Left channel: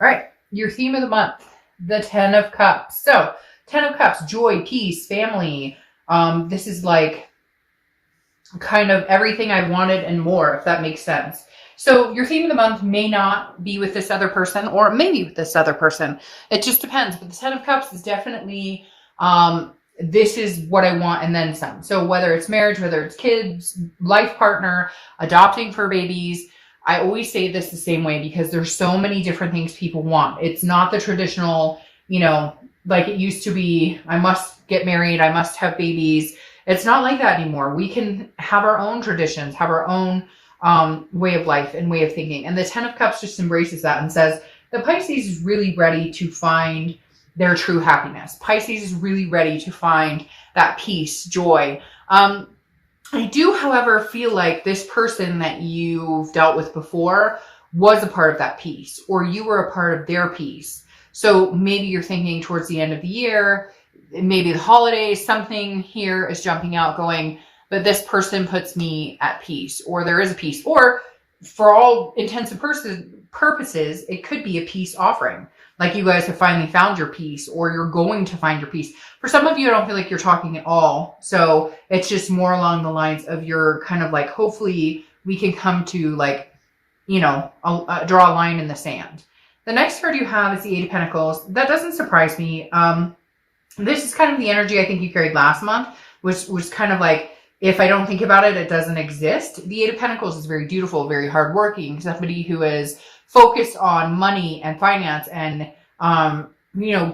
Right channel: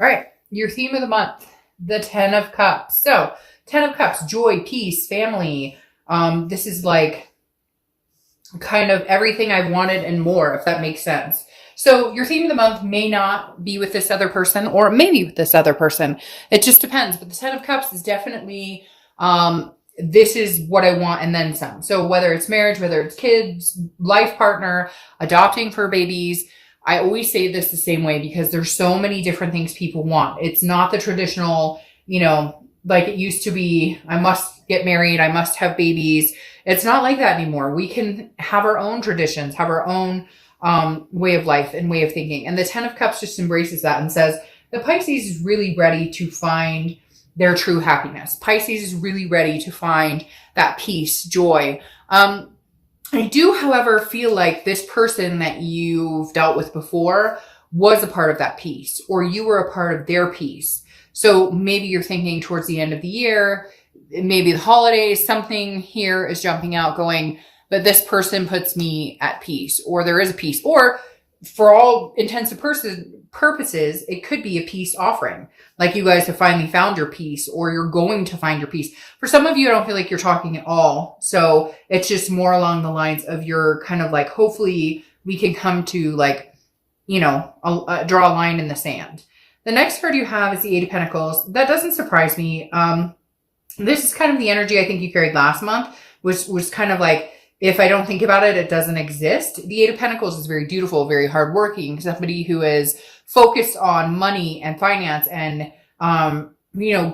All right, your theme of the month, the 10 of Cups. So 10 of Cups, joy, peace, family. This is like kind of everything I wanted and more, if that makes sense. So your theme of the month may not be with this other person, or maybe with this other person. It just depends. But the 10 of Cups is definitely, this is what I want and then some. So whether it's marriage, whether it's kids, life partner, adopting for babies, I always say this the same way because there's so many different things people want. It's not the traditional, like it used to be, I must get married, I must have babies. It's not like that anymore. We can have our own traditions, have our own way of life and way of thinking. And the 10 of Cups just embraces that and says, the Pisces is really ready to find their true happiness. Pisces is really ready to find that peace, joy. I do, however, feel like this person that you've dealt with before was a part of that peace, or you were a part of their peace. So maybe you're thinking towards the end of the year, maybe the holidays, something here is jumping out going, but this person puts me at peace, or there is a peace, or for all intents and purposes, it could be a peace offering. Like you guys have finally found your peace, or you're going to find your peace. For some of you, I don't feel like you're talking at all. So it's just more along the lines of your kind of like, hopefully we can come to like, draw a line in the sand. The next card you have is the Eight of Pentacles. That doesn't surprise me. This is kind of the energy I think you carried last month, which was kind of like, if I don't think about it, it doesn't exist. The Eight of Pentacles is very dutiful, very hardworking, somebody who is focused on money and finance and,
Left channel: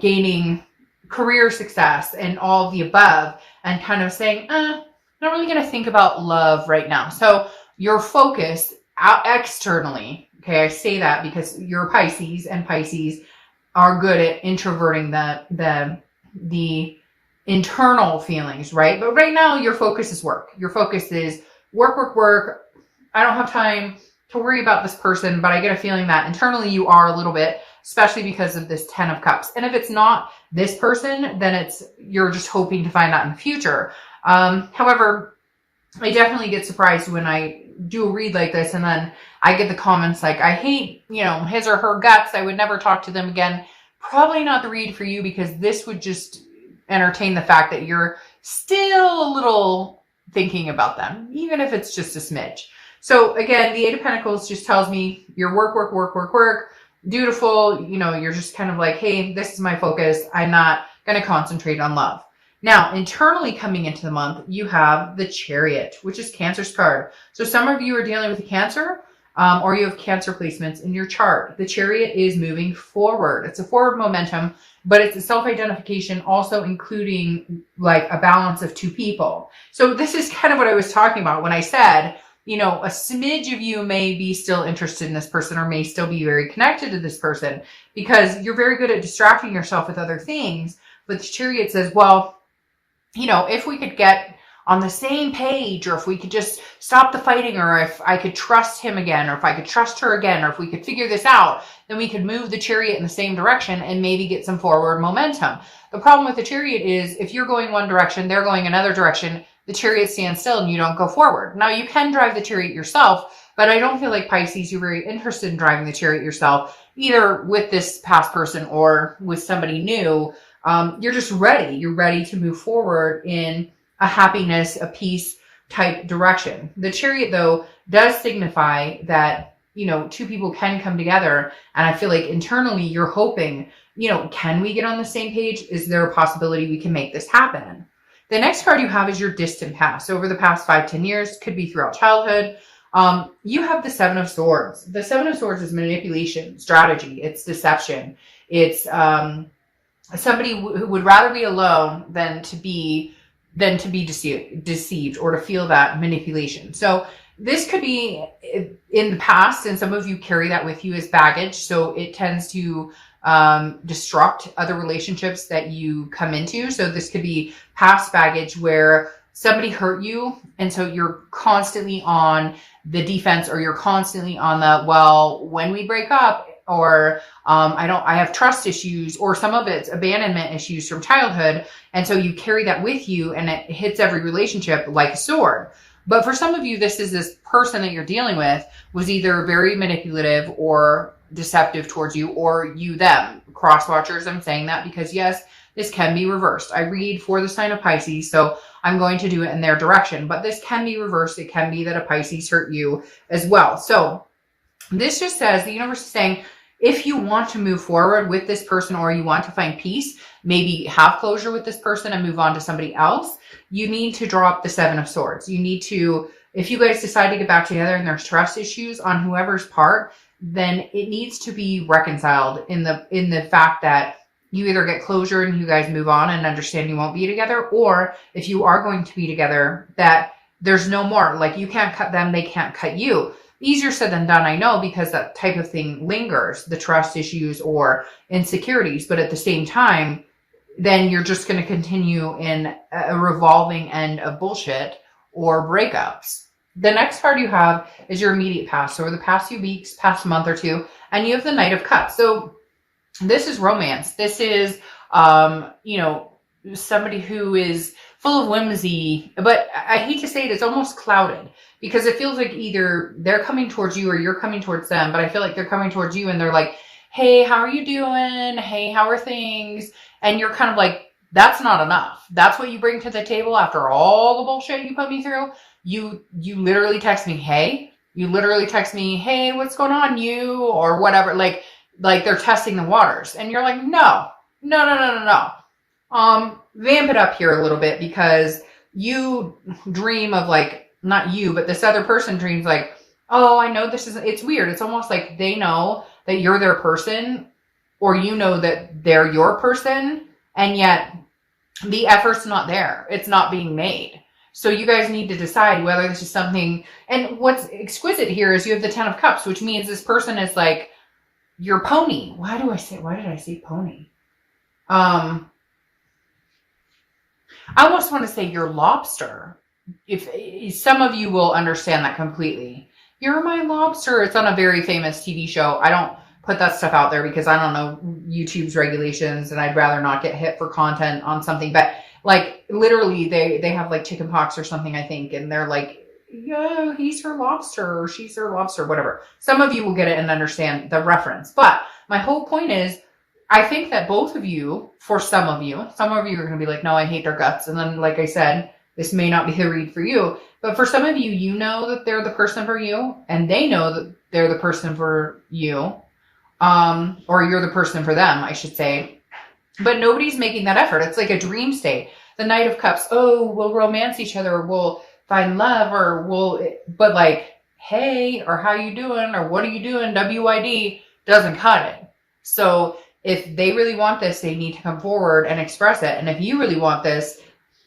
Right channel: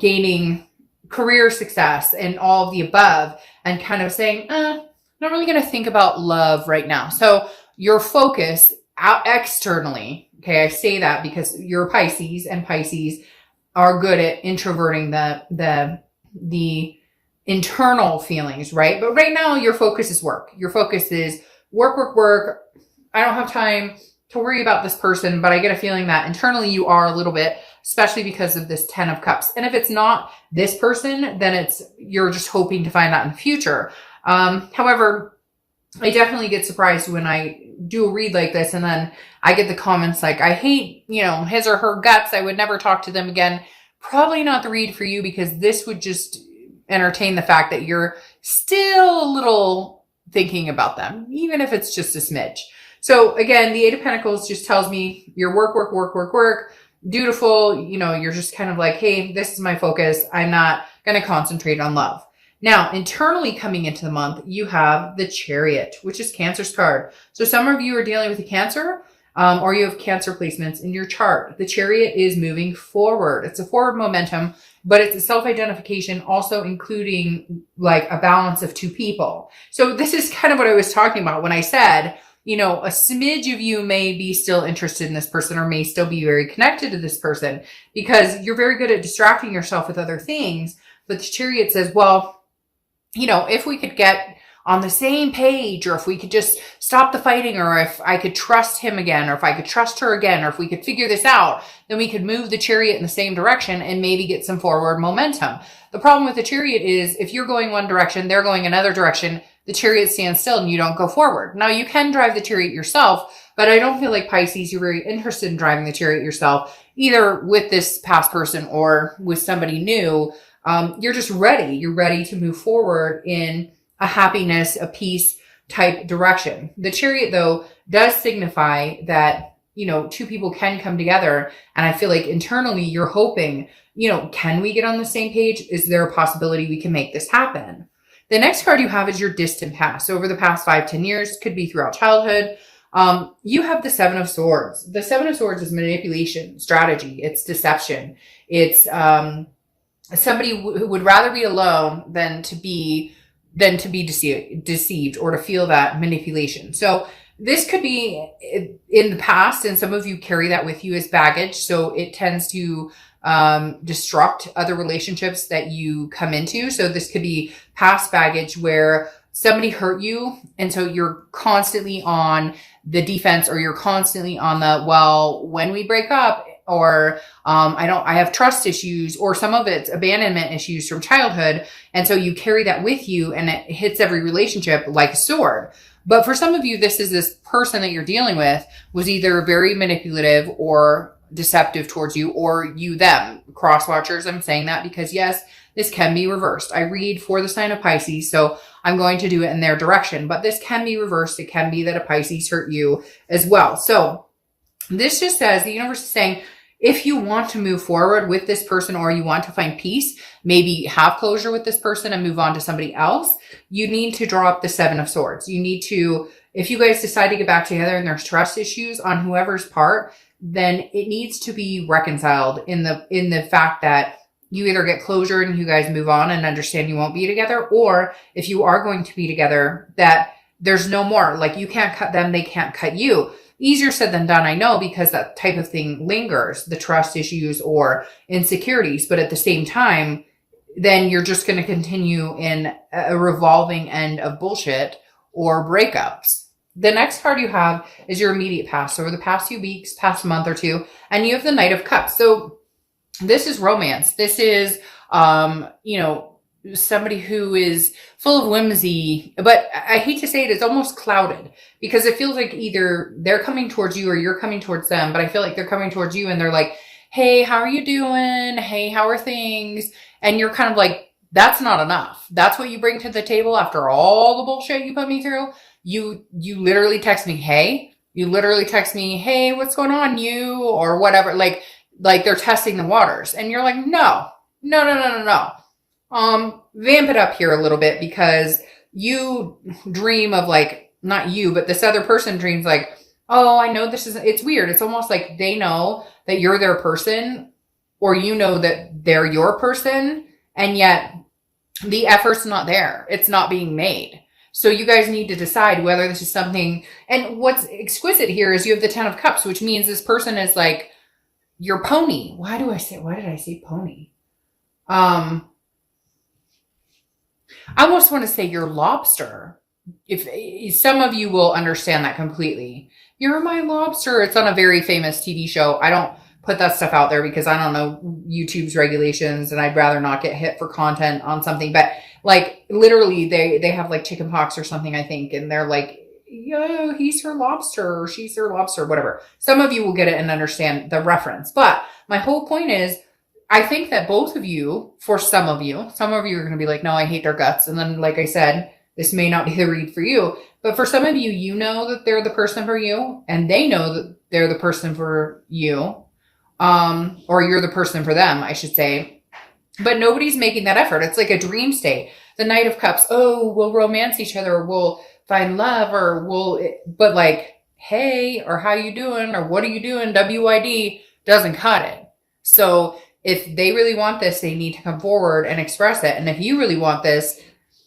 gaining career success and all of the above, and kind of saying, I'm not really going to think about love right now. So your focus out externally, okay, I say that because you're Pisces, and Pisces are good at introverting the internal feelings, right? But right now your focus is work. Your focus is work, work, work. I don't have time to worry about this person, but I get a feeling that internally you are a little bit, especially because of this 10 of Cups. And if it's not this person, then you're just hoping to find that in the future. However, I definitely get surprised when I do a read like this and then I get the comments like, I hate, his or her guts. I would never talk to them again. Probably not the read for you, because this would just entertain the fact that you're still a little thinking about them, even if it's just a smidge. So again, the Eight of Pentacles just tells me your work, work, work, work, work, dutiful. You're just kind of like, hey, this is my focus. I'm not going to concentrate on love. Now, internally coming into the month, you have the Chariot, which is Cancer's card. So some of you are dealing with a Cancer, or you have Cancer placements in your chart. The Chariot is moving forward. It's a forward momentum, but it's a self-identification, also including like a balance of two people. So this is kind of what I was talking about when I said, a smidge of you may be still interested in this person, or may still be very connected to this person, because you're very good at distracting yourself with other things. But the Chariot says, well, if we could get on the same page, or if we could just stop the fighting, or if I could trust him again, or if I could trust her again, or if we could figure this out, then we could move the Chariot in the same direction and maybe get some forward momentum. The problem with the Chariot is if you're going one direction, they're going another direction, the Chariot stands still and you don't go forward. Now you can drive the Chariot yourself, but I don't feel like Pisces, you're very interested in driving the Chariot yourself, either with this past person or with somebody new. You're just ready. You're ready to move forward in a happiness, a peace type direction. The Chariot, though, does signify that, two people can come together. And I feel like internally you're hoping, can we get on the same page? Is there a possibility we can make this happen? The next card you have is your distant past. So over the past 5-10 years, could be throughout childhood. You have the Seven of Swords. The Seven of Swords is manipulation, strategy. It's deception. It's somebody who would rather be alone than to be deceived or to feel that manipulation. So this could be in the past, and some of you carry that with you as baggage. So it tends to disrupt other relationships that you come into. So this could be past baggage where somebody hurt you, and so you're constantly on the defense, or you're constantly on the, well, when we break up, or I have trust issues, or some of it's abandonment issues from childhood. And so you carry that with you, and it hits every relationship like a sword. But for some of you, this person that you're dealing with was either very manipulative or deceptive towards you, or you them. Cross watchers, I'm saying that because yes, this can be reversed. I read for the sign of Pisces, so I'm going to do it in their direction, but this can be reversed. It can be that a Pisces hurt you as well. So this just says the universe is saying, if you want to move forward with this person, or you want to find peace, maybe have closure with this person and move on to somebody else, you need to draw up the Seven of Swords. You need to, if you guys decide to get back together and there's trust issues on whoever's part, then it needs to be reconciled in the fact that you either get closure and you guys move on and understand you won't be together, or if you are going to be together, that there's no more. Like, you can't cut them, they can't cut you. Easier said than done, I know, because that type of thing lingers, the trust issues or insecurities. But at the same time, then you're just going to continue in a revolving end of bullshit or breakups. The next card you have is your immediate past. So over the past few weeks, past month or two, and you have the Knight of Cups. So this is romance. This is, somebody who is full of whimsy, but I hate to say it, it's almost clouded, because it feels like either they're coming towards you or you're coming towards them. But I feel like they're coming towards you and they're like, hey, how are you doing? Hey, how are things? And you're kind of like, that's not enough. That's what you bring to the table after all the bullshit you put me through. You literally text me, hey, hey, what's going on, you, or whatever. Like they're testing the waters, and you're like, no. Vamp it up here a little bit, because you dream of, like, not you, but this other person dreams like, oh, I know this is, it's weird. It's almost like they know that you're their person, or you know that they're your person, and yet the effort's not there. It's not being made. So you guys need to decide whether this is something, and what's exquisite here is you have the Ten of Cups, which means this person is like your pony. Why did I say pony? I almost want to say your lobster. If some of you will understand that completely. You're my lobster. It's on a very famous TV show. I don't put that stuff out there because I don't know YouTube's regulations, and I'd rather not get hit for content on something. But like, literally they have like chicken pox or something, I think. And they're like, yeah, he's her lobster, or she's her lobster, whatever. Some of you will get it and understand the reference. But my whole point is, I think that both of you, for some of you are going to be like, no, I hate their guts. And then, like I said, this may not be the read for you. But for some of you, you know that they're the person for you, and they know that they're the person for you. Or you're the person for them, I should say. But nobody's making that effort. It's like a dream state. The Knight of Cups, oh, we'll romance each other, or we'll find love, or but like, hey, or how you doing, or what are you doing, WID, doesn't cut it. So if they really want this, they need to come forward and express it. And if you really want this,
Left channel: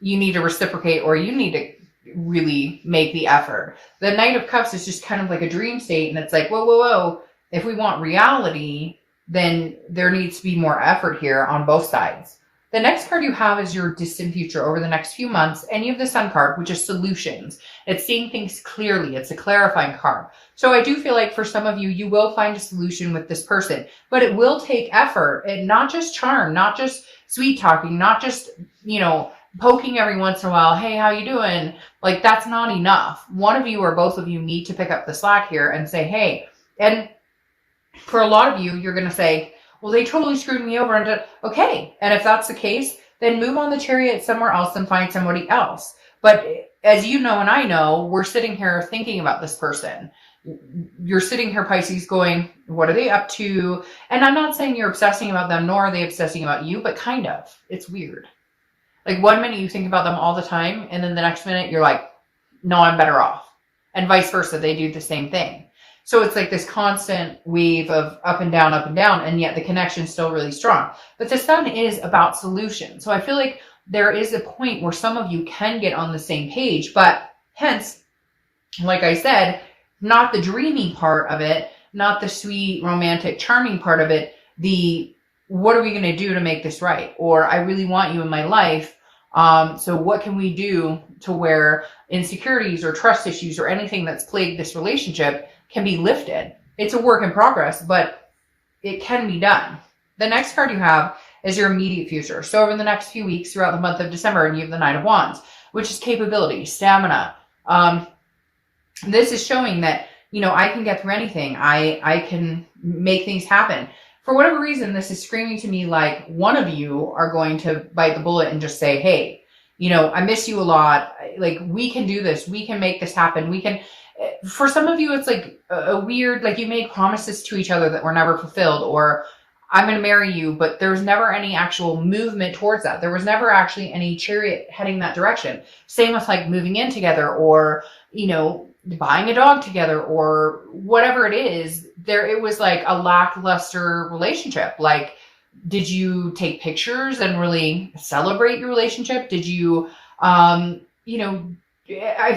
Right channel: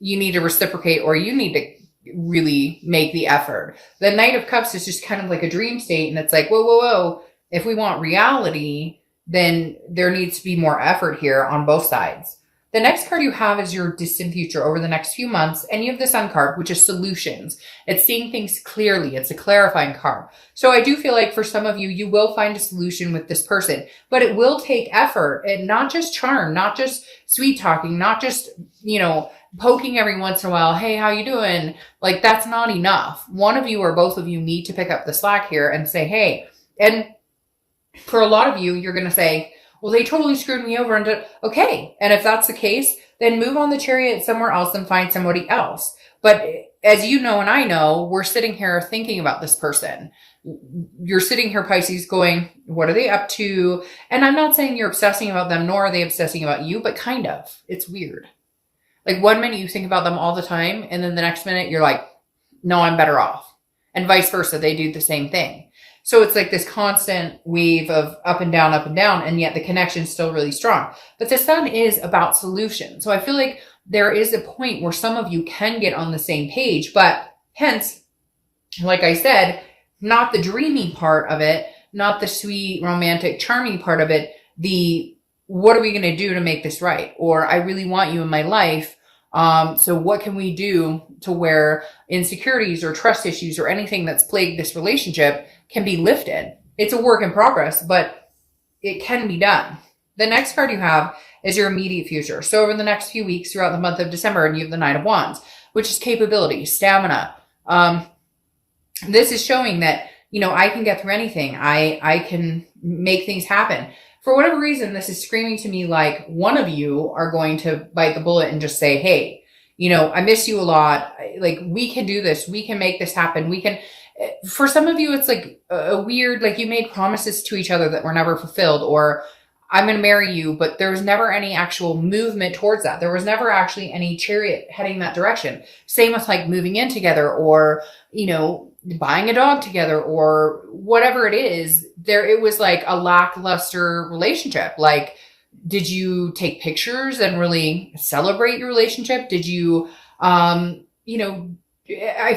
you need to reciprocate, or you need to really make the effort. The Knight of Cups is just kind of like a dream state. And it's like, whoa. If we want reality, then there needs to be more effort here on both sides. The next card you have is your distant future over the next few months. And you have the Sun card, which is solutions. It's seeing things clearly. It's a clarifying card. So I do feel like for some of you, you will find a solution with this person. But it will take effort, and not just charm, not just sweet talking, not just, poking every once in a while. Hey, how you doing? Like, that's not enough. One of you or both of you need to pick up the slack here and say, hey. And for a lot of you, you're going to say, well, they totally screwed me over. And okay. And if that's the case, then move on the chariot somewhere else and find somebody else. But as you know, and I know, we're sitting here thinking about this person. You're sitting here, Pisces, going, what are they up to? And I'm not saying you're obsessing about them, nor are they obsessing about you, but kind of. It's weird. Like, one minute you think about them all the time, and then the next minute you're like, no, I'm better off. And vice versa. They do the same thing. So it's like this constant wave of up and down, and yet the connection's still really strong. But the Sun is about solution. So I feel like there is a point where some of you can get on the same page, but hence, like I said, not the dreamy part of it, not the sweet, romantic, charming part of it, the what are we going to do to make this right? Or I really want you in my life. So what can we do to where insecurities or trust issues or anything that's plagued this relationship can be lifted? It's a work in progress, but it can be done. The next card you have is your immediate future. So over the next few weeks throughout the month of December, and you have the Knight of Wands, which is capability, stamina. This is showing that I can get through anything. I can make things happen. For whatever reason, this is screaming to me like one of you are going to bite the bullet and just say, hey, I miss you a lot. Like, we can do this. We can make this happen. We can. For some of you, it's like a weird, like, you made promises to each other that were never fulfilled, or I'm going to marry you, but there's never any actual movement towards that. There was never actually any chariot heading that direction. Same with like moving in together, or, buying a dog together, or whatever it is. It was like a lackluster relationship. Like, did you take pictures and really celebrate your relationship? Did you, I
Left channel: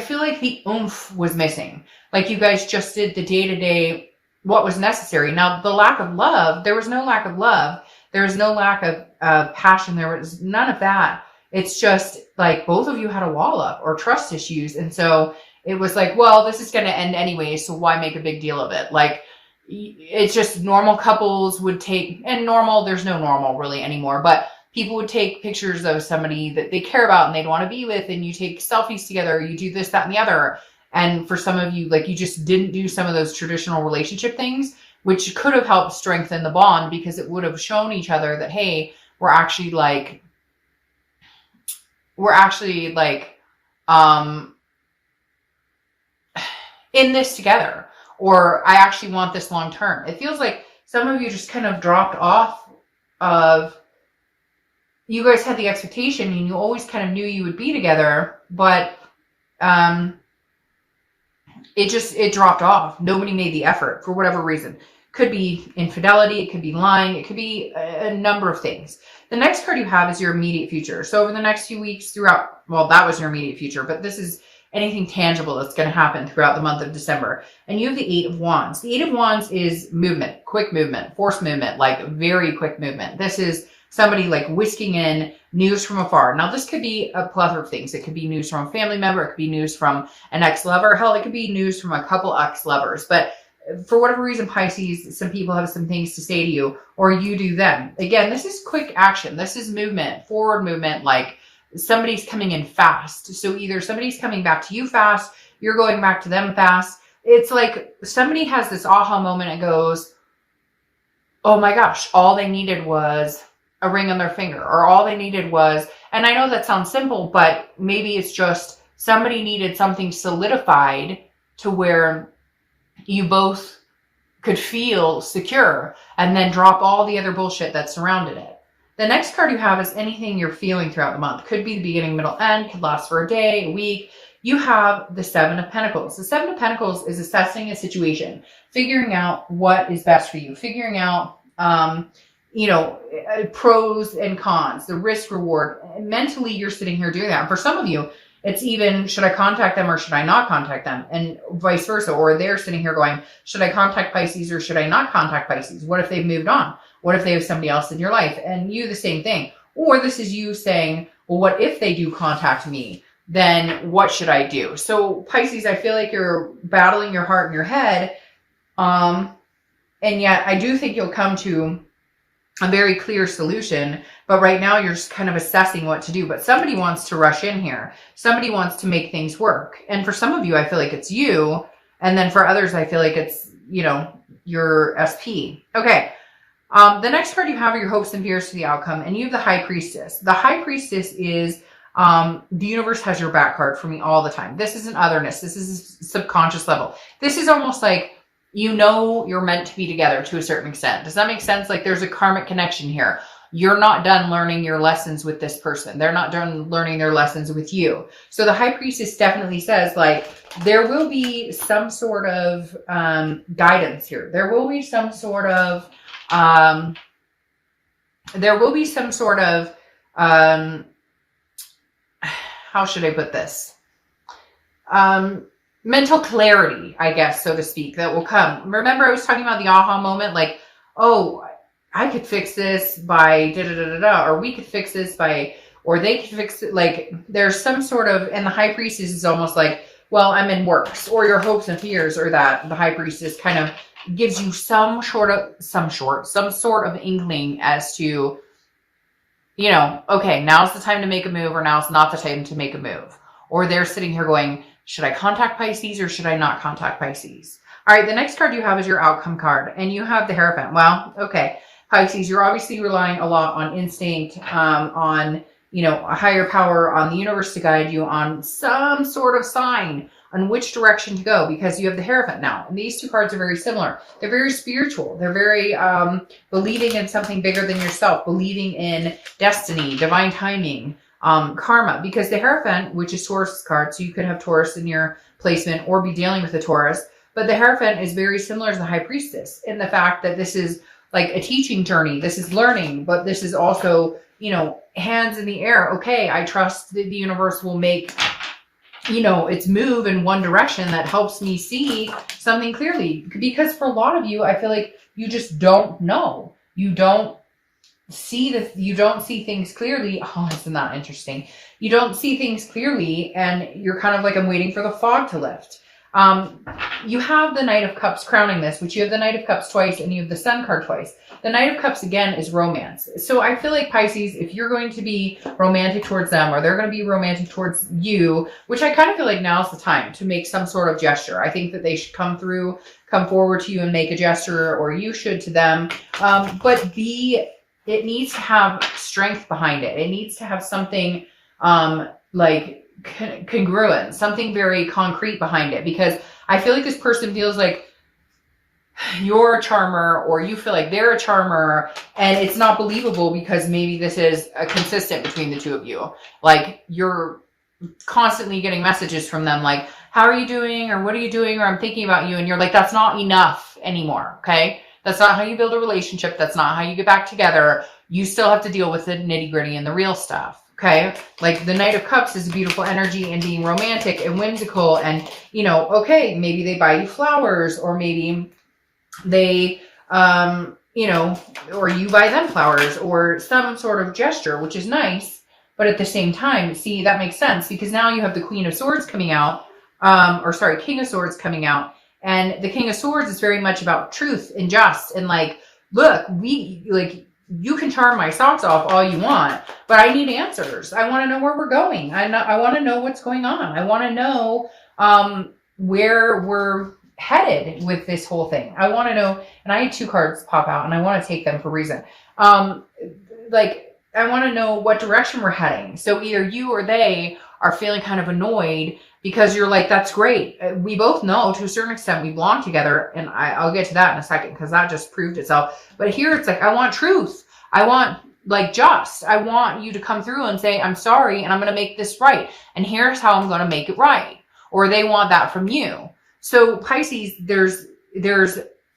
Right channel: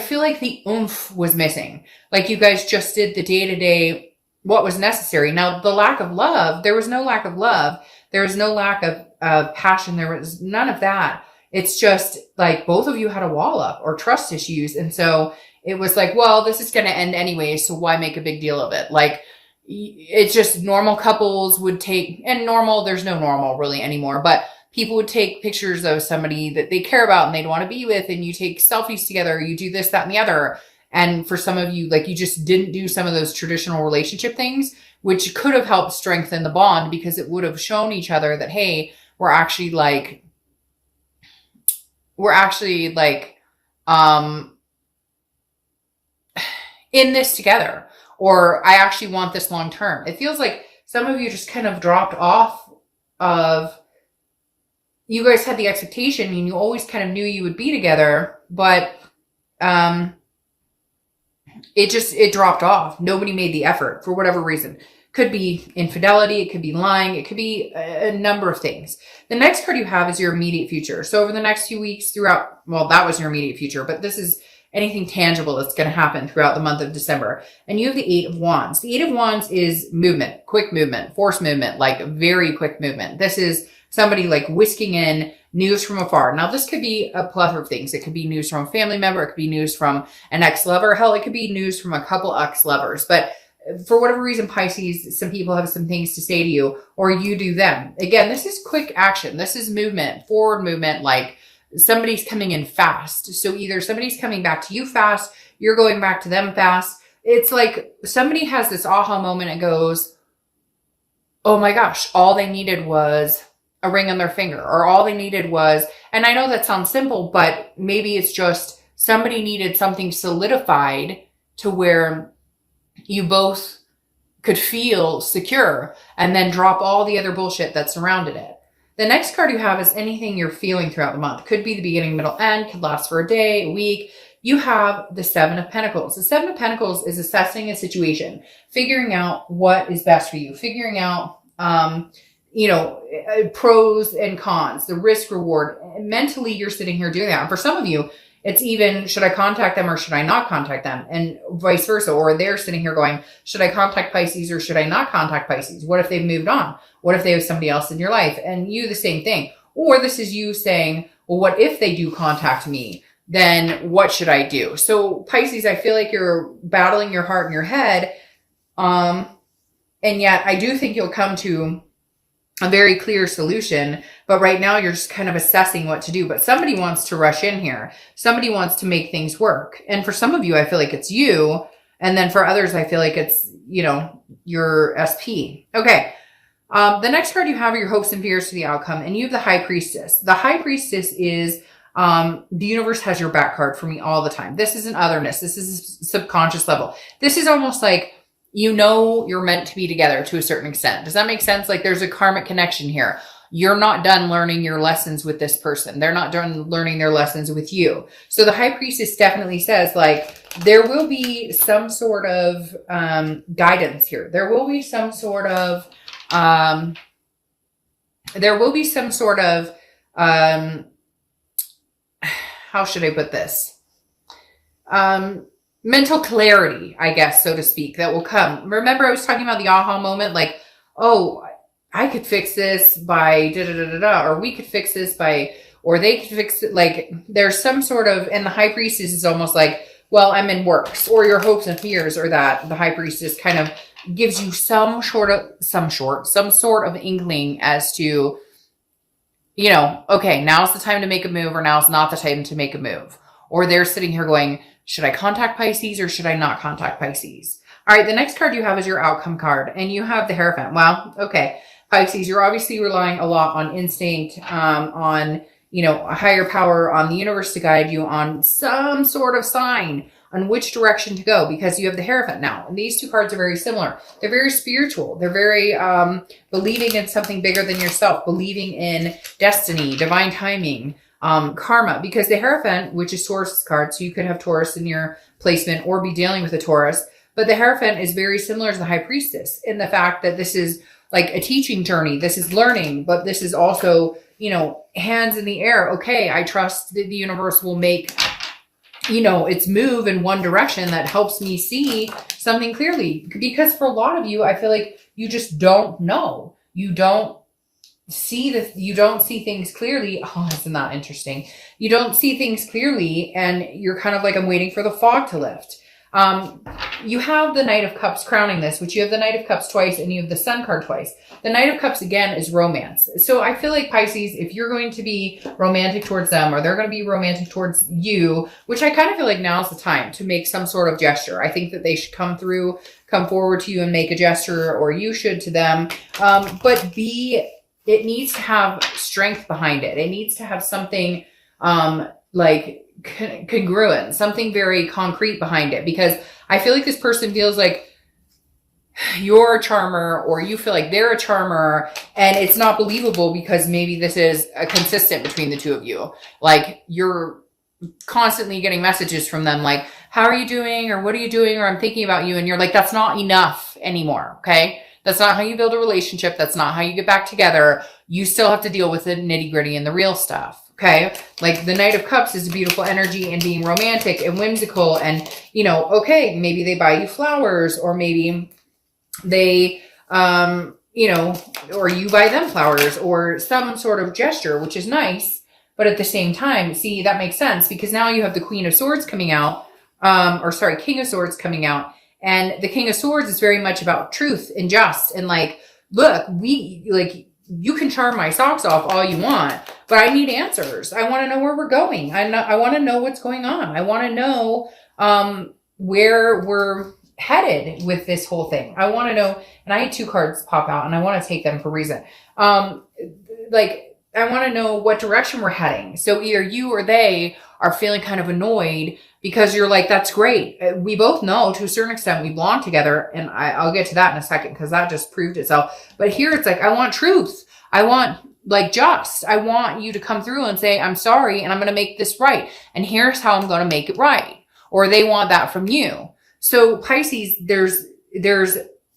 feel like the oomph was missing. Like, you guys just did the day-to-day, what was necessary. Now, the lack of love, there was no lack of love. There was no lack of passion. There was none of that. It's just like both of you had a wall up or trust issues. And so it was like, well, this is going to end anyway, so why make a big deal of it? Like, it's just normal couples would take, and normal, there's no normal really anymore, but people would take pictures of somebody that they care about and they'd want to be with, and you take selfies together, or you do this, that, and the other. And for some of you, like, you just didn't do some of those traditional relationship things, which could have helped strengthen the bond, because it would have shown each other that, hey, we're actually in this together, or I actually want this long term. It feels like some of you just kind of dropped off of, you guys had the expectation and you always kind of knew you would be together, but it dropped off. Nobody made the effort for whatever reason. Could be infidelity, it could be lying, it could be a number of things. The next card you have is your immediate future. So over the next few weeks that was your immediate future, but this is anything tangible that's going to happen throughout the month of December. And you have the 8 of Wands. The 8 of Wands is movement, quick movement, force movement, like very quick movement. This is somebody like whisking in news from afar. Now, this could be a plethora of things. It could be news from a family member. It could be news from an ex-lover. Hell, it could be news from a couple ex-lovers. But for whatever reason, Pisces, some people have some things to say to you, or you do them. Again, this is quick action. This is movement, forward movement, like somebody's coming in fast. So either somebody's coming back to you fast, you're going back to them fast. It's like somebody has this aha moment and goes, oh my gosh, all they needed was a ring on their finger, or all they needed was, and I know that sounds simple, but maybe it's just somebody needed something solidified to where you both could feel secure, and then drop all the other bullshit that surrounded it. The next card you have is anything you're feeling throughout the month. Could be the beginning, middle, end, could last for a day, a week. You have the 7 of Pentacles. The 7 of Pentacles is assessing a situation, figuring out what is best for you, figuring out, pros and cons, the risk reward. Mentally, you're sitting here doing that. And for some of you, it's even, should I contact them or should I not contact them? And vice versa. Or they're sitting here going, should I contact Pisces or should I not contact Pisces? What if they've moved on? What if they have somebody else in your life? And you, the same thing. Or this is you saying, well, what if they do contact me? Then what should I do? So Pisces, I feel like you're battling your heart and your head. And yet I do think you'll come to a very clear solution. But right now you're just kind of assessing what to do. But somebody wants to rush in here. Somebody wants to make things work. And for some of you, I feel like it's you. And then for others, I feel like it's, your SP. Okay. The next card you have are your hopes and fears for the outcome. And you have the High Priestess. The High Priestess is the universe has your back card for me all the time. This is an otherness. This is a subconscious level. This is almost like, you're meant to be together to a certain extent. Does that make sense? Like, there's a karmic connection here. You're not done learning your lessons with this person. They're not done learning their lessons with you. So the High Priestess definitely says, like, there will be some sort of guidance here. There will be some sort of, how should I put this? Mental clarity, I guess, so to speak, that will come. Remember, I was talking about the aha moment, like, oh, I could fix this by da-da-da-da-da, or we could fix this by, or they could fix it. Like, there's some sort of, and the High Priestess is almost like, well, I'm in works, or your hopes and fears, or that the High Priestess kind of gives you some sort of inkling as to, okay, now's the time to make a move, or now's not the time to make a move. Or they're sitting here going, should I contact Pisces or should I not contact Pisces? All right, the next card you have is your outcome card, and you have the Hierophant. Wow, okay. Pisces, you're obviously relying a lot on instinct, on, a higher power, on the universe to guide you, on some sort of sign on which direction to go, because you have the Hierophant. Now, these two cards are very similar. They're very spiritual. They're very believing in something bigger than yourself, believing in destiny, divine timing, karma, because the Hierophant, which is Taurus card, so you could have Taurus in your placement or be dealing with a Taurus, but the Hierophant is very similar to the High Priestess in the fact that this is like a teaching journey. This is learning, but this is also, hands in the air. Okay, I trust that the universe will make, its move in one direction that helps me see something clearly. Because for a lot of you, I feel like you just don't know. You don't see things clearly. Oh, isn't that interesting? You don't see things clearly, and you're kind of like, I'm waiting for the fog to lift. You have the Knight of Cups crowning this, which you have the Knight of Cups twice and you have the Sun card twice. The Knight of Cups, again, is romance. So I feel like Pisces, if you're going to be romantic towards them or they're going to be romantic towards you, which I kind of feel like now's the time to make some sort of gesture. I think that they should come forward to you and make a gesture, or you should to them. But it needs to have strength behind it. It needs to have something, like congruent, something very concrete behind it, because I feel like this person feels like you're a charmer, or you feel like they're a charmer, and it's not believable because maybe this is a consistent between the two of you. Like, you're constantly getting messages from them like, how are you doing, or what are you doing, or I'm thinking about you, and you're like, that's not enough anymore. Okay, that's not how you build a relationship. That's not how you get back together. You still have to deal with the nitty-gritty and the real stuff. Okay, like the Knight of Cups is a beautiful energy and being romantic and whimsical, and okay, maybe they buy you flowers, or maybe they or you buy them flowers, or some sort of gesture, which is nice. But at the same time, see, that makes sense, because now you have the Queen of Swords coming out, King of Swords coming out, and the King of Swords is very much about truth and just, and like, look, you can charm my socks off all you want, but I need answers. I want to know where we're going. I want to know what's going on. I want to know where we're headed with this whole thing. I want to know, and I had two cards pop out, and I want to take them for a reason. I want to know what direction we're heading. So either you or they are feeling kind of annoyed because you're like, that's great. We both know to a certain extent we belong together. And I'll get to that in a second, because that just proved itself. But here it's like, I want truth. I want I want you to come through and say, I'm sorry, and I'm going to make this right. And here's how I'm going to make it right. Or they want that from you. So Pisces, there's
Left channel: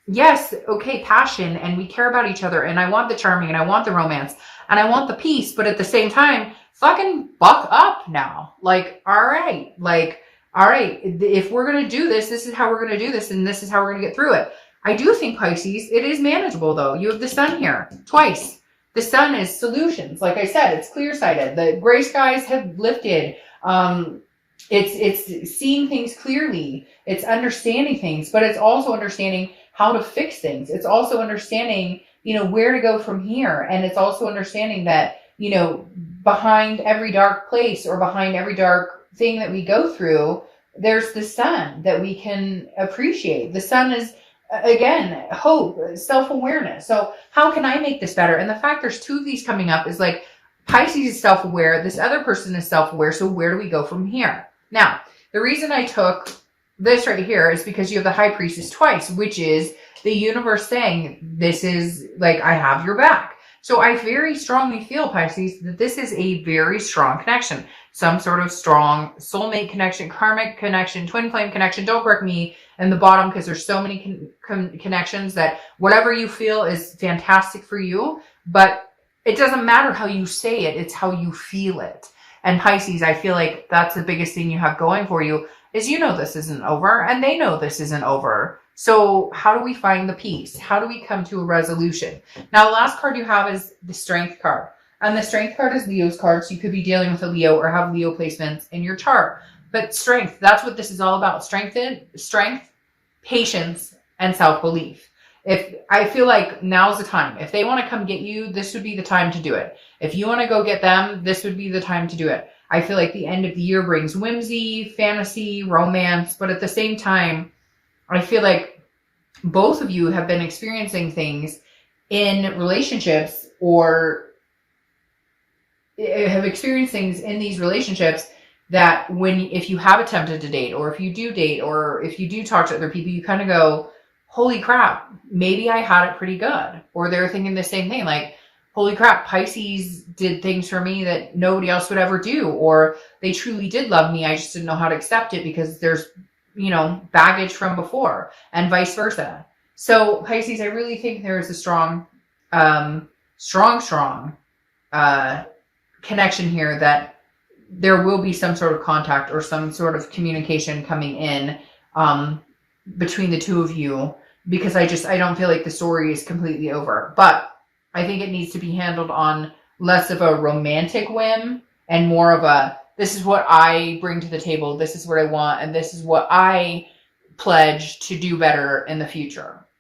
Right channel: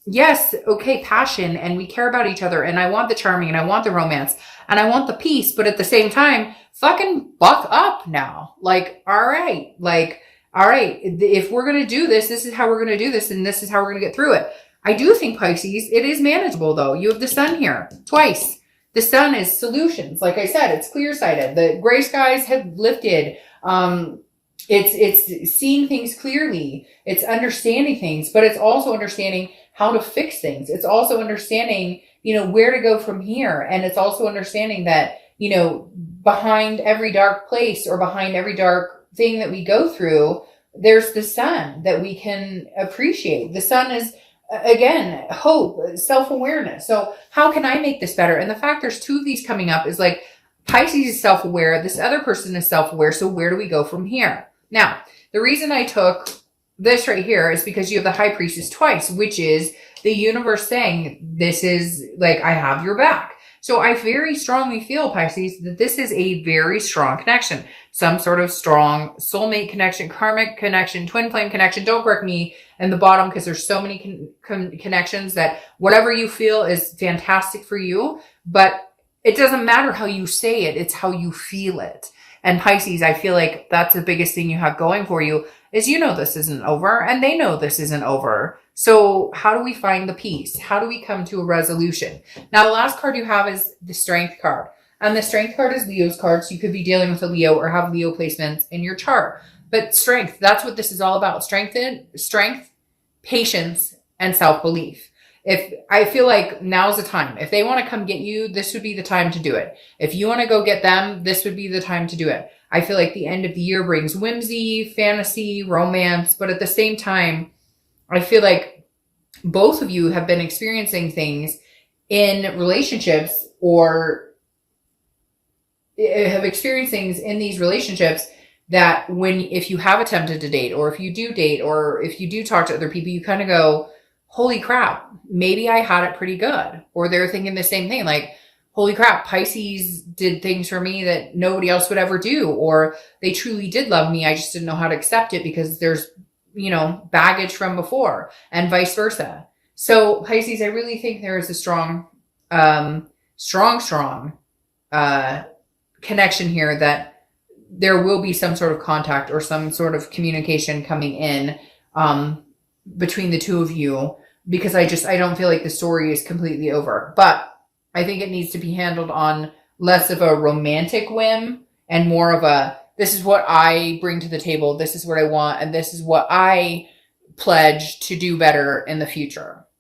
yes, okay, passion, and we care about each other, and I want the charming, and I want the romance, and I want the peace, but at the same time, fucking buck up now. Like, all right, if we're going to do this, this is how we're going to do this, and this is how we're going to get through it. I do think, Pisces, it is manageable, though. You have the Sun here twice. The Sun is solutions. Like I said, it's clear-sighted. The gray skies have lifted. It's seeing things clearly. It's understanding things, but it's also understanding how to fix things. It's also understanding, where to go from here. And it's also understanding that, behind every dark place or behind every dark thing that we go through, there's the Sun that we can appreciate. The Sun is, again, hope, self-awareness. So how can I make this better? And the fact there's two of these coming up is like, Pisces is self-aware. This other person is self-aware. So where do we go from here? Now, the reason I took this right here is because you have the High Priestess twice, which is the universe saying, this is like, I have your back. So I very strongly feel, Pisces, that this is a very strong connection. Some sort of strong soulmate connection, karmic connection, twin flame connection. Don't correct me in the bottom, because there's so many connections that whatever you feel is fantastic for you. But it doesn't matter how you say it. It's how you feel it. And Pisces, I feel like that's the biggest thing you have going for you, is this isn't over, and they know this isn't over. So how do we find the peace? How do we come to a resolution? Now, the last card you have is the Strength card. And the Strength card is Leo's card. So you could be dealing with a Leo or have Leo placements in your chart. But strength, that's what this is all about. Strength, patience, and self-belief. If I feel like now's the time. If they want to come get you, this would be the time to do it. If you want to go get them, this would be the time to do it. I feel like the end of the year brings whimsy, fantasy, romance, but at the same time, I feel like both of you have been experiencing things in relationships, or have experienced things in these relationships that if you have attempted to date, or if you do date, or if you do talk to other people, you kind of go, holy crap, maybe I had it pretty good. Or they're thinking the same thing, like, holy crap, Pisces did things for me that nobody else would ever do. Or they truly did love me. I just didn't know how to accept it because there's, baggage from before, and vice versa. So Pisces, I really think there is a strong connection here, that there will be some sort of contact or some sort of communication coming in between the two of you, because I don't feel like the story is completely over. But I think it needs to be handled on less of a romantic whim and more of a, this is what I bring to the table, this is what I want, and this is what I pledge to do better in the future.